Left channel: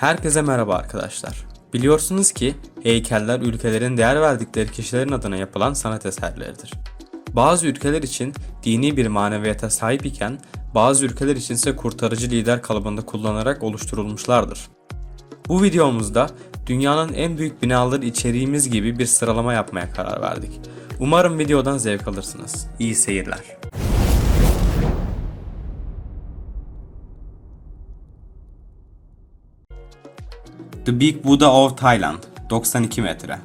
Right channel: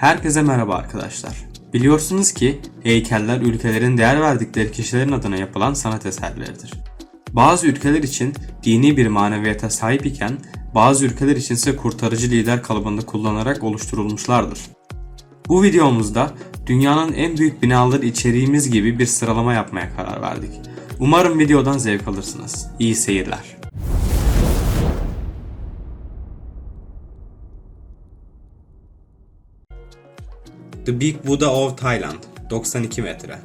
Herkese merhaba arkadaşlar. Biliyorsunuz ki heykeller ülkelerin değer verdikleri kişilerin adına yapılan sanat eserleridir. Bazı ülkeler için dini bir maneviyata sahip iken bazı ülkeler için ise kurtarıcı lider kalıbında kullanarak oluşturulmuşlardır. Bu videomuzda dünyanın en büyük binaları içeriğimiz gibi bir sıralama yapmaya karar verdik. Umarım videodan zevk alırsınız. İyi seyirler. The Big Buddha of Thailand 92 metre.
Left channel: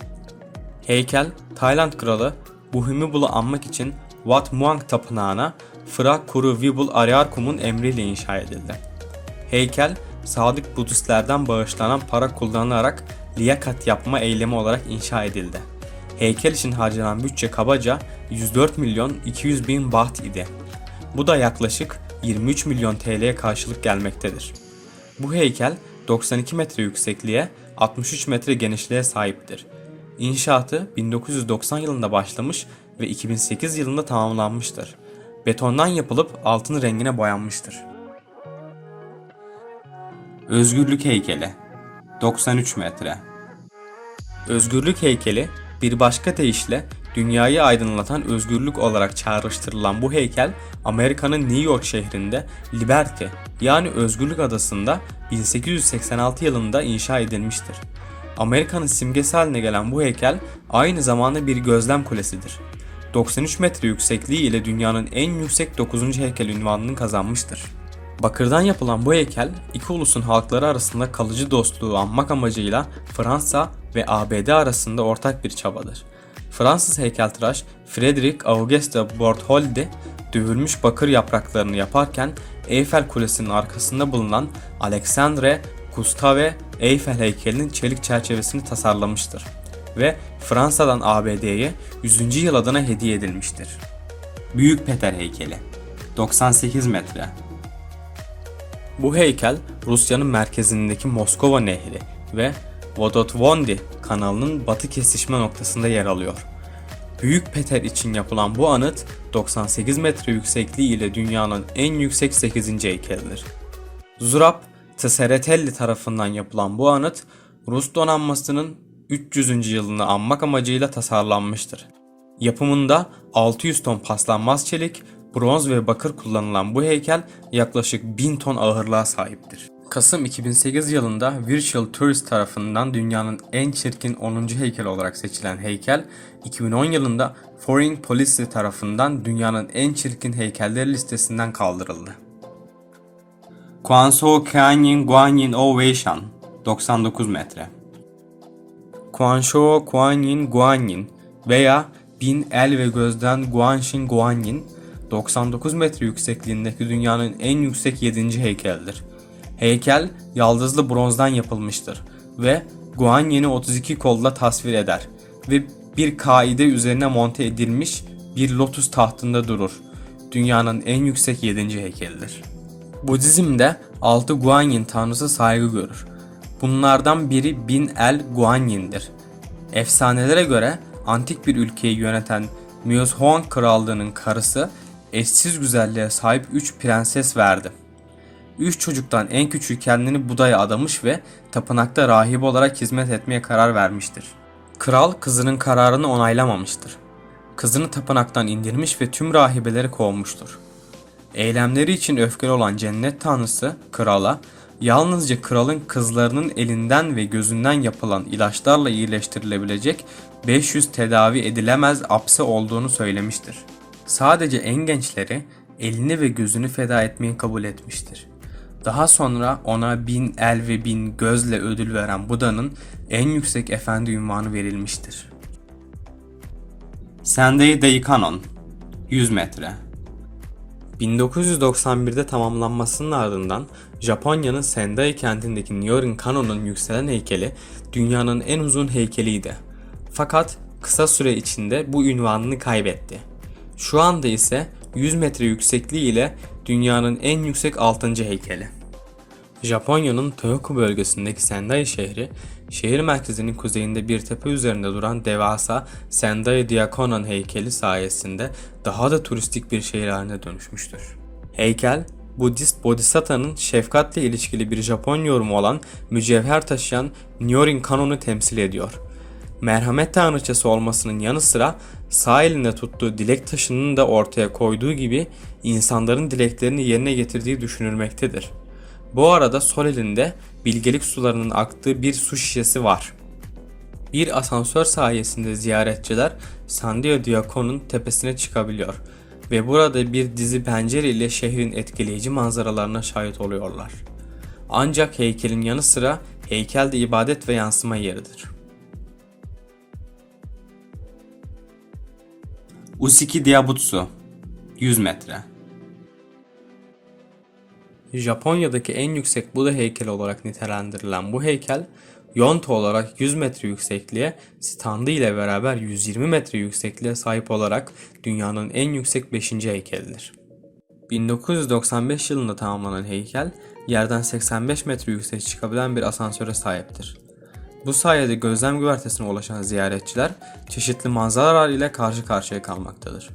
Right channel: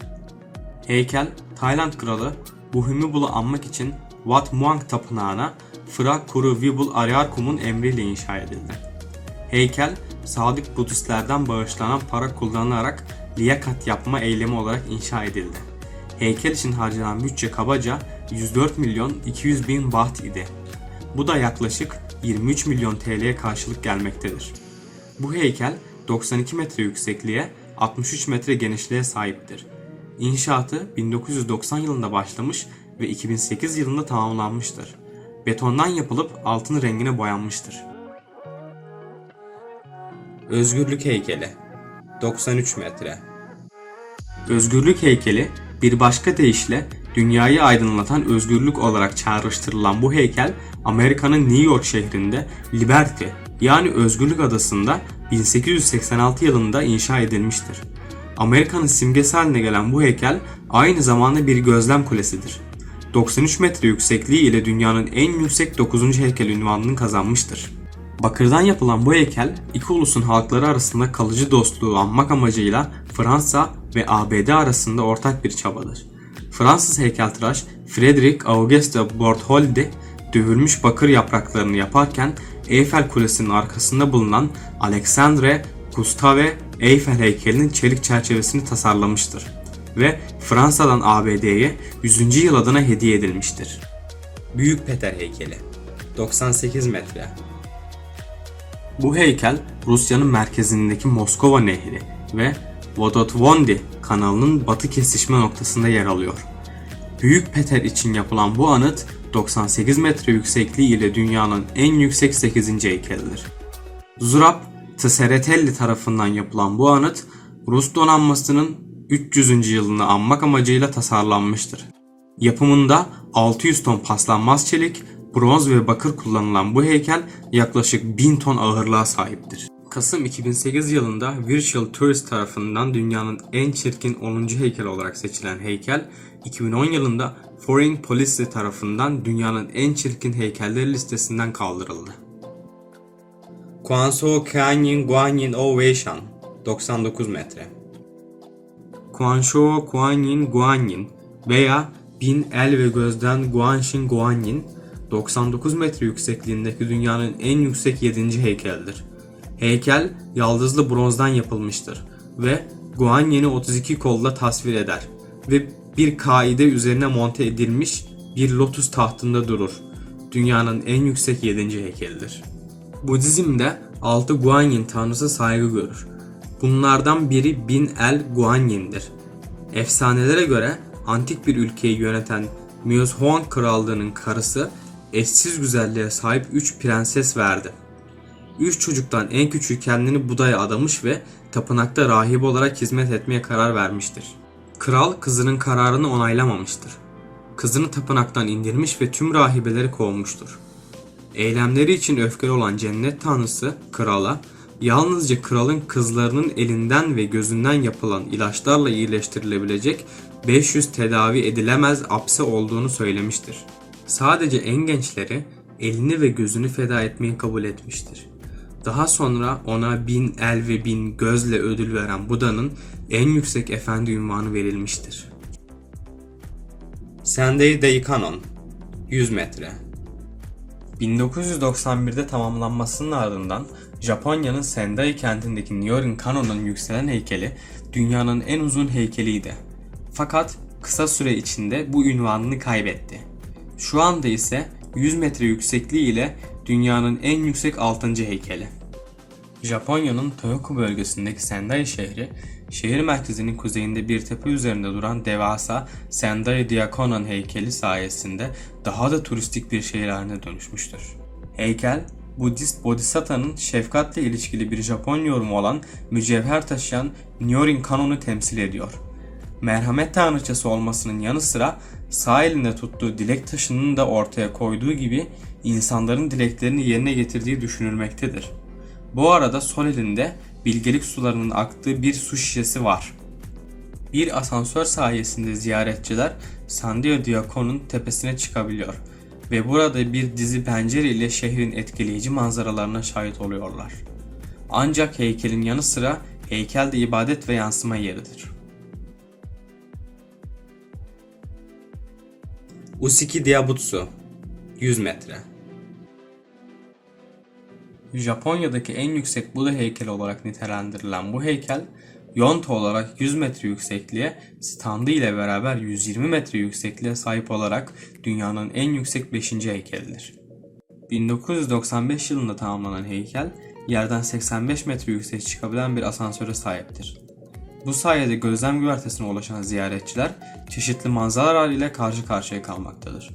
Heykel, Tayland kralı Bhumibol'u anmak için Wat Muang tapınağına Phra Kuru Vibul Aryarkum'un emriyle inşa edildi. Heykel, sadık Budistlerden bağışlanan para kullanılarak liyakat yapma eylemi olarak inşa edildi. Heykel için harcanan bütçe kabaca 104 milyon 200 bin baht idi. Bu da yaklaşık 23 milyon TL'ye karşılık gelmektedir. Bu heykel 92 metre yüksekliğe, 63 metre genişliğe sahiptir. İnşaatı 1990 yılında başlamış ve 2008 yılında tamamlanmıştır. Betondan yapılıp altın rengine boyanmıştır. Özgürlük heykeli 93 metre. Özgürlük heykeli bir başka deyişle dünyayı aydınlatan özgürlük olarak çağrıştırılan bu heykel Amerika'nın New York şehrinde Liberty yani Özgürlük Adası'nda 1886 yılında inşa edilmiştir. Amerika'nın simgesi haline gelen bu heykel aynı zamanda bir gözlem kulesidir. 93 metre yüksekliği ile dünyanın en yüksek 9. heykel ünvanını kazanmıştır. Bakırdan yapılan bu heykel iki ulusun halkları arasında kalıcı dostluğu anmak amacıyla Fransa ve ABD arasında ortak bir çabadır. Fransız heykeltıraş Frederick Auguste Bartholdi dövülmüş bakır yapraklarını yaparken Eyfel Kulesi'nin arkasında bulunan Alexandre Gustave Eiffel heykelinin çelik çerçevesini tasarlamıştır ve Fransa'dan ABD'ye 100. yıl adına hediye edilmiştir. Büyük Peter heykeli 98 metre. Bu heykel Rusya'nın merkezindeki Moskova Nehri ve Vodotvondi kanalının batı kesişme noktasında yer alıyor. Büyük Peter için yapılan bu anıt 98 metre yüksekliği ile dünyanın en yüksek 8. heykelidir. Zurab Tseretelli tarafından yapılan bu anıt Rus donanmasının 300. yılını anmak amacıyla tasarlanmıştır. Yapımında 600 ton paslanmaz çelik, bronz ve bakır kullanılan bu heykel yaklaşık 1000 ton ağırlığa sahiptir. Kasım 2008 yılında Virtual Tourist tarafından dünyanın en çirkin 10. heykel olarak seçilen heykel, 2010 yılında Foreign Policy tarafından dünyanın en çirkin heykeller listesinden kaldırıldı. Kwanso Kanyin Guanyin Ovation 99 metre. Guangzhou Guanyin Guanyin veya Bin El ve Gözden Guanxin Guanyin 99 metre yüksekliğindeki dünyanın en yüksek 7. heykelidir. Heykel yaldızlı bronzdan yapılmıştır ve Guanyin'i 32 kolla tasvir eder ve bir kaide üzerine monte edilmiş bir lotus tahtında durur. Dünyanın en yüksek 7. heykelidir. Budizm'de 6 Guanyin tanrısı saygı görür. Bunlardan biri Bin El Guanyin'dir. Efsanelere göre antik bir ülkeyi yöneten Muizhuang krallığının karısı eşsiz güzelliğe sahip 3 prenses verdi. Üç çocuktan en küçüğü kendini Buda'ya adamış ve tapınakta rahip olarak hizmet etmeye karar vermiştir. Kral kızının kararını onaylamamıştır. Kızını tapınaktan indirmiş ve tüm rahibeleri kovmuştur. Eylemleri için öfkeli olan cennet tanrısı krala yalnızca kralın kızlarının elinden ve gözünden yapılan ilaçlarla iyileştirilebilecek 500 tedavi edilemez apse olduğunu söylemiştir. Sadece en gençleri elini ve gözünü feda etmeyi kabul etmiştir. Daha sonra ona bin el ve bin gözle ödül veren Buda'nın en yüksek efendi ünvanı verilmiştir. Sendai Daikanon 100 metre. 1991'de tamamlanmasının ardından Japonya'nın Sendai kentindeki Nyorin Kanon'un yükselen heykeli dünyanın en uzun heykeliydi. Fakat kısa süre içinde bu ünvanını kaybetti. Şu anda ise 100 metre yüksekliği ile dünyanın en yüksek 6. heykeli. Japonya'nın Tohoku bölgesindeki Sendai şehri, şehir merkezinin kuzeyinde bir tepe üzerinde duran devasa Sendai Diakonon heykeli sayesinde daha da turistik bir şehir haline dönüşmüştür. Heykel, Budist Bodhisattva'nın şefkatle ilişkili bir Japon yorumu olan mücevher taşıyan Nyorin kanonu temsil ediyor. Merhamet tanrıçası olmasının yanı sıra sağ elinde tuttuğu dilek taşının da ortaya koyduğu gibi insanların dileklerini yerine getirdiği düşünülmektedir. Bu arada sol elinde bilgelik sularının aktığı bir su şişesi var. Bir asansör sayesinde ziyaretçiler Sandia Diakon'un tepesine çıkabiliyor ve burada bir dizi pencere ile şehrin etkileyici manzaralarına şahit oluyorlar. Ancak heykelin yanı sıra heykel de ibadet ve yansıma yeridir. Usiki Diabutsu 100 metre. Japonya'daki en yüksek Buda heykeli olarak nitelendirilen bu heykel, yonta olarak 100 metre yüksekliğe, standı ile beraber 120 metre yüksekliğe sahip olarak dünyanın en yüksek 5. heykelidir. 1995 yılında tamamlanan heykel, yerden 85 metre yüksek çıkabilen bir asansöre sahiptir. Bu sayede gözlem güvertesine ulaşan ziyaretçiler çeşitli manzaralar ile karşı karşıya kalmaktadır.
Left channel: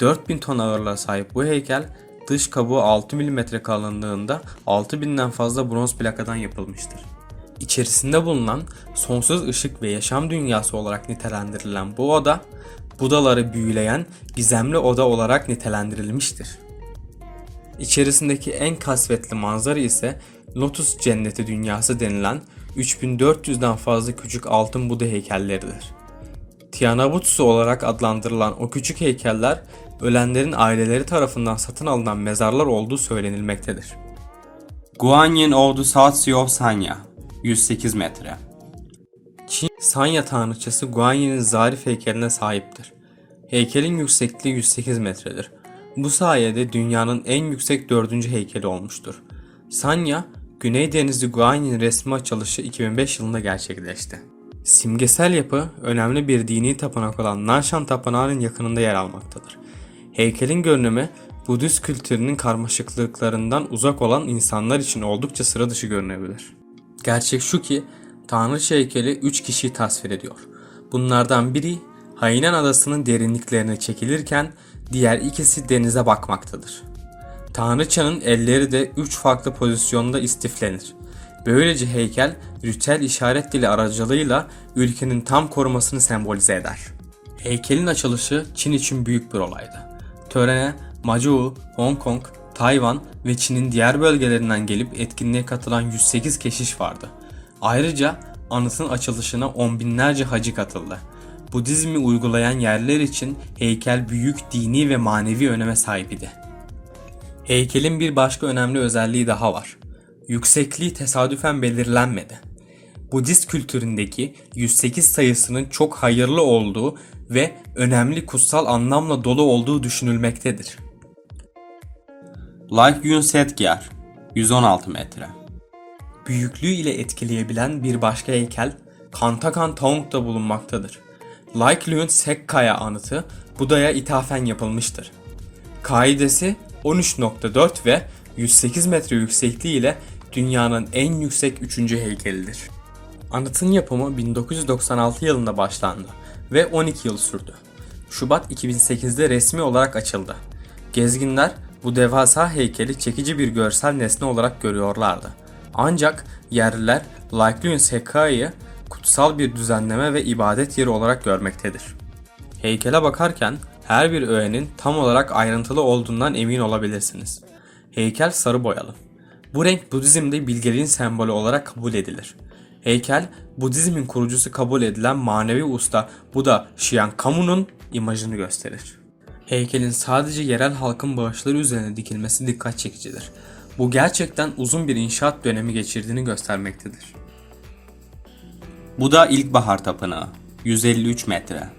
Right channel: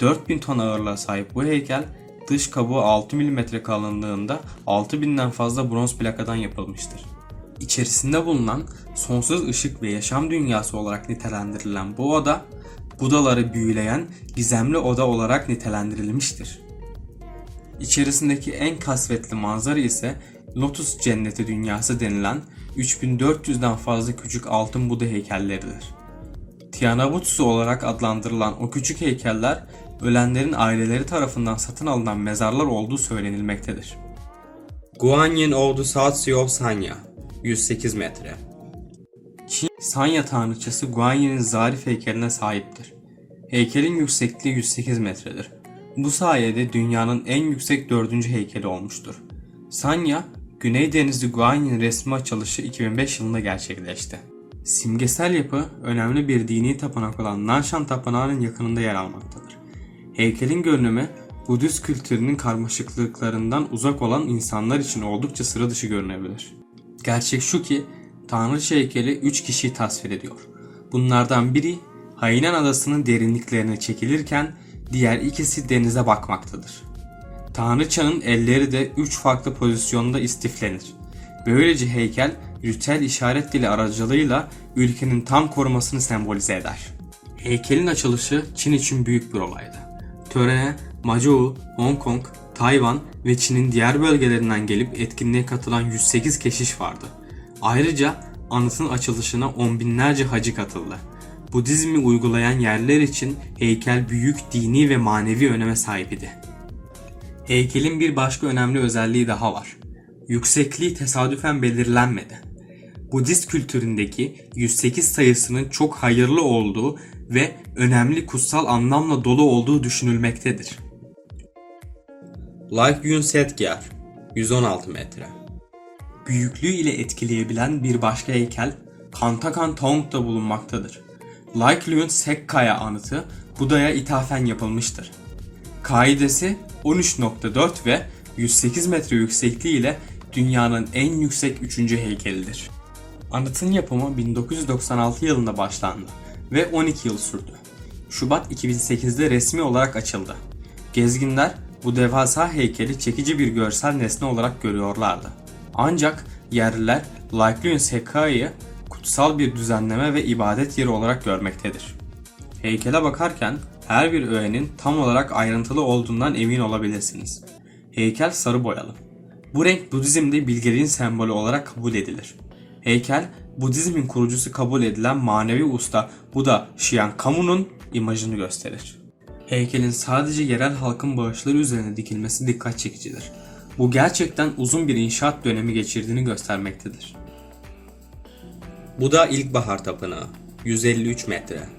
4000 ton ağırlığa sahip bu heykel dış kabuğu 6 mm kalınlığında 6000'den fazla bronz plakadan yapılmıştır. İçerisinde bulunan sonsuz ışık ve yaşam dünyası olarak nitelendirilen bu oda, Budaları büyüleyen gizemli oda olarak nitelendirilmiştir. İçerisindeki en kasvetli manzara ise Lotus Cenneti Dünyası denilen 3400'den fazla küçük altın Buda heykelleridir. Tianabutsu olarak adlandırılan o küçük heykeller ölenlerin aileleri tarafından satın alınan mezarlar olduğu söylenilmektedir. Guanyin Ordu Satsui Sanya 108 metre. Çin Sanya tanrıçası Guanyin'in zarif heykeline sahiptir. Heykelin yüksekliği 108 metredir. Bu sayede dünyanın en yüksek dördüncü heykeli olmuştur. Sanya, Güney Denizli Guanyin resmi açılışı 2005 yılında gerçekleşti. Simgesel yapı önemli bir dini tapınak olan Nanshan Tapınağı'nın yakınında yer almaktadır. Heykelin görünümü Budist kültürünün karmaşıklıklarından uzak olan insanlar için oldukça sıra dışı görünebilir. Gerçek şu ki Tanrıça heykeli 3 kişiyi tasvir ediyor. Bunlardan biri Hainan adasının derinliklerine çekilirken diğer ikisi denize bakmaktadır. Tanrıçanın elleri de 3 farklı pozisyonda istiflenir. Böylece heykel ritüel işaret dili aracılığıyla ülkenin tam korumasını sembolize eder. Heykelin açılışı Çin için büyük bir olaydı. Törene Macau, Hong Kong, Tayvan ve Çin'in diğer bölgelerinden gelip etkinliğe katılan 108 keşiş vardı. Ayrıca anıtın açılışına on binlerce hacı katıldı. Budizmi uygulayan yerler için heykel büyük dini ve manevi öneme sahip idi. Heykelin bir başka önemli özelliği daha var. Yüksekliği tesadüfen belirlenmedi. Budist kültüründeki 108 sayısının çok hayırlı olduğu ve önemli kutsal anlamla dolu olduğu düşünülmektedir. Like Yun Setgyar 116 metre. büyüklüğü ile etkileyebilen bir başka heykel Kantakan Taung'da bulunmaktadır. Laiklyun Sekkaya anıtı Buda'ya ithafen yapılmıştır. Kaidesi 13.4 ve 108 metre yüksekliği ile dünyanın en yüksek 3. heykelidir. Anıtın yapımı 1996 yılında başlandı ve 12 yıl sürdü. Şubat 2008'de resmi olarak açıldı. Gezginler bu devasa heykeli çekici bir görsel nesne olarak görüyorlardı. Ancak yerliler Laiklyun Sekkai'yi kutsal bir düzenleme ve ibadet yeri olarak görmektedir. Heykele bakarken her bir öğenin tam olarak ayrıntılı olduğundan emin olabilirsiniz. Heykel sarı boyalı. Bu renk Budizm'de bilgeliğin sembolü olarak kabul edilir. Heykel, Budizmin kurucusu kabul edilen manevi usta Buda Shiankamu'nun imajını gösterir. Heykelin sadece yerel halkın bağışları üzerine dikilmesi dikkat çekicidir. Bu gerçekten uzun bir inşaat dönemi geçirdiğini göstermektedir. Buda İlkbahar Tapınağı 153 metre.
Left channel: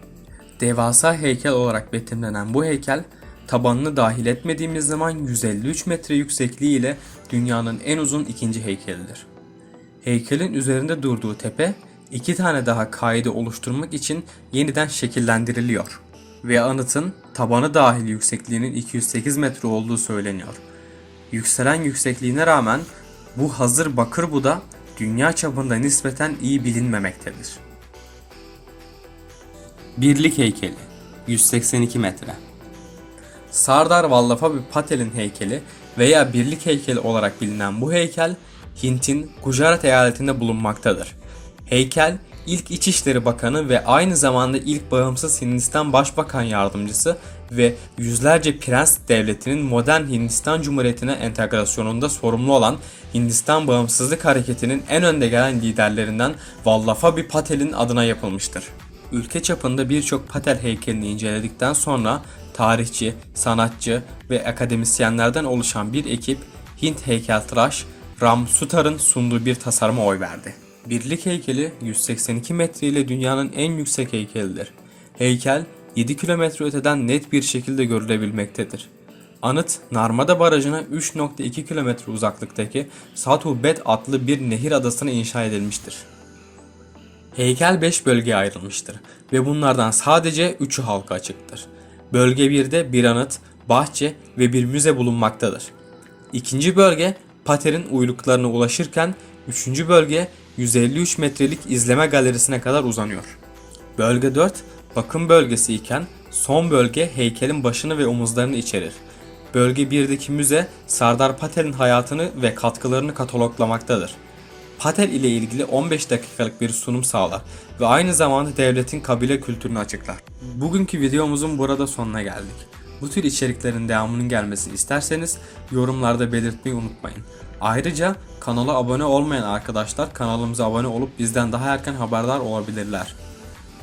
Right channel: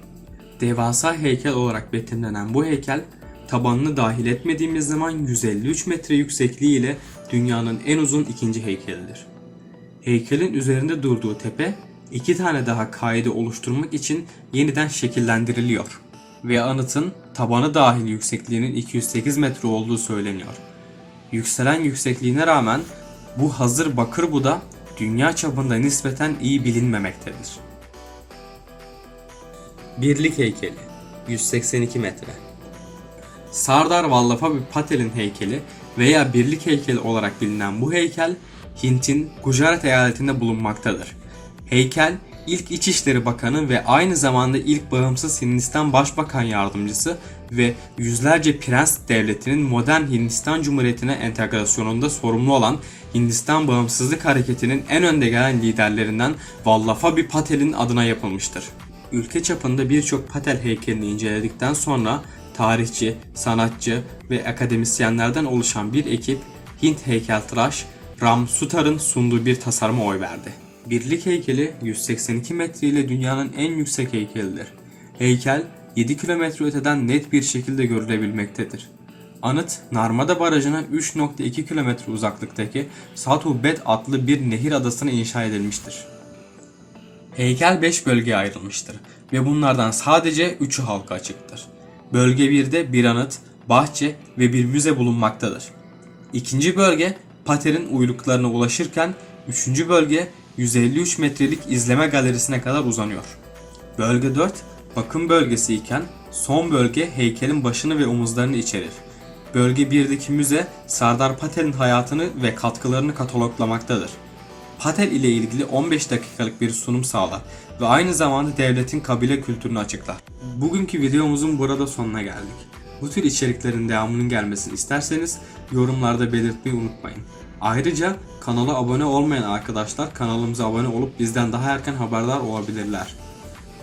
Devasa heykel olarak betimlenen bu heykel, tabanını dahil etmediğimiz zaman 153 metre yüksekliği ile dünyanın en uzun ikinci heykelidir. Heykelin üzerinde durduğu tepe, iki tane daha kaide oluşturmak için yeniden şekillendiriliyor ve anıtın tabanı dahil yüksekliğinin 208 metre olduğu söyleniyor. Yükselen yüksekliğine rağmen bu hazır bakır Buda dünya çapında nispeten iyi bilinmemektedir. Birlik heykeli 182 metre. Sardar Vallabha Patel'in heykeli veya birlik heykeli olarak bilinen bu heykel Hint'in Gujarat eyaletinde bulunmaktadır. Heykel ilk İçişleri Bakanı ve aynı zamanda ilk bağımsız Hindistan Başbakan Yardımcısı ve yüzlerce prens devletinin modern Hindistan Cumhuriyeti'ne entegrasyonunda sorumlu olan Hindistan Bağımsızlık Hareketi'nin en önde gelen liderlerinden Vallaphbhai Patel'in adına yapılmıştır. Ülke çapında birçok Patel heykelini inceledikten sonra tarihçi, sanatçı ve akademisyenlerden oluşan bir ekip Hint heykeltıraş Ram Sutar'ın sunduğu bir tasarıma oy verdi. Birlik heykeli 182 metre ile dünyanın en yüksek heykelidir. Heykel 7 kilometre öteden net bir şekilde görülebilmektedir. Anıt, Narmada Barajı'na 3.2 kilometre uzaklıktaki Sathu Bet adlı bir nehir adasına inşa edilmiştir. Heykel 5 bölgeye ayrılmıştır ve bunlardan sadece 3'ü halka açıktır. Bölge 1'de bir anıt, bahçe ve bir müze bulunmaktadır. İkinci bölge Pater'in uyluklarına ulaşırken üçüncü bölge 153 metrelik izleme galerisine kadar uzanıyor. Bölge 4 bakım bölgesi iken son bölge heykelin başını ve omuzlarını içerir. Bölge 1'deki müze Sardar Patel'in hayatını ve katkılarını kataloglamaktadır. Patel ile ilgili 15 dakikalık bir sunum sağlar ve aynı zamanda devletin kabile kültürünü açıklar. Bugünkü videomuzun burada sonuna geldik. Bu tür içeriklerin devamının gelmesini isterseniz yorumlarda belirtmeyi unutmayın. Ayrıca kanala abone olmayan arkadaşlar kanalımıza abone olup bizden daha erken haberdar olabilirler.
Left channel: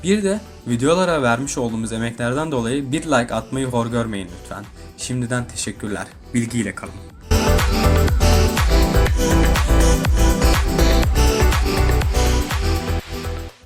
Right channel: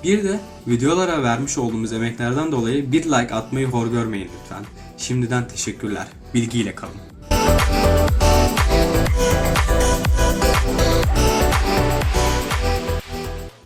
Bir de videolara vermiş olduğumuz emeklerden dolayı bir like atmayı hor görmeyin lütfen. Şimdiden teşekkürler. Bilgiyle kalın.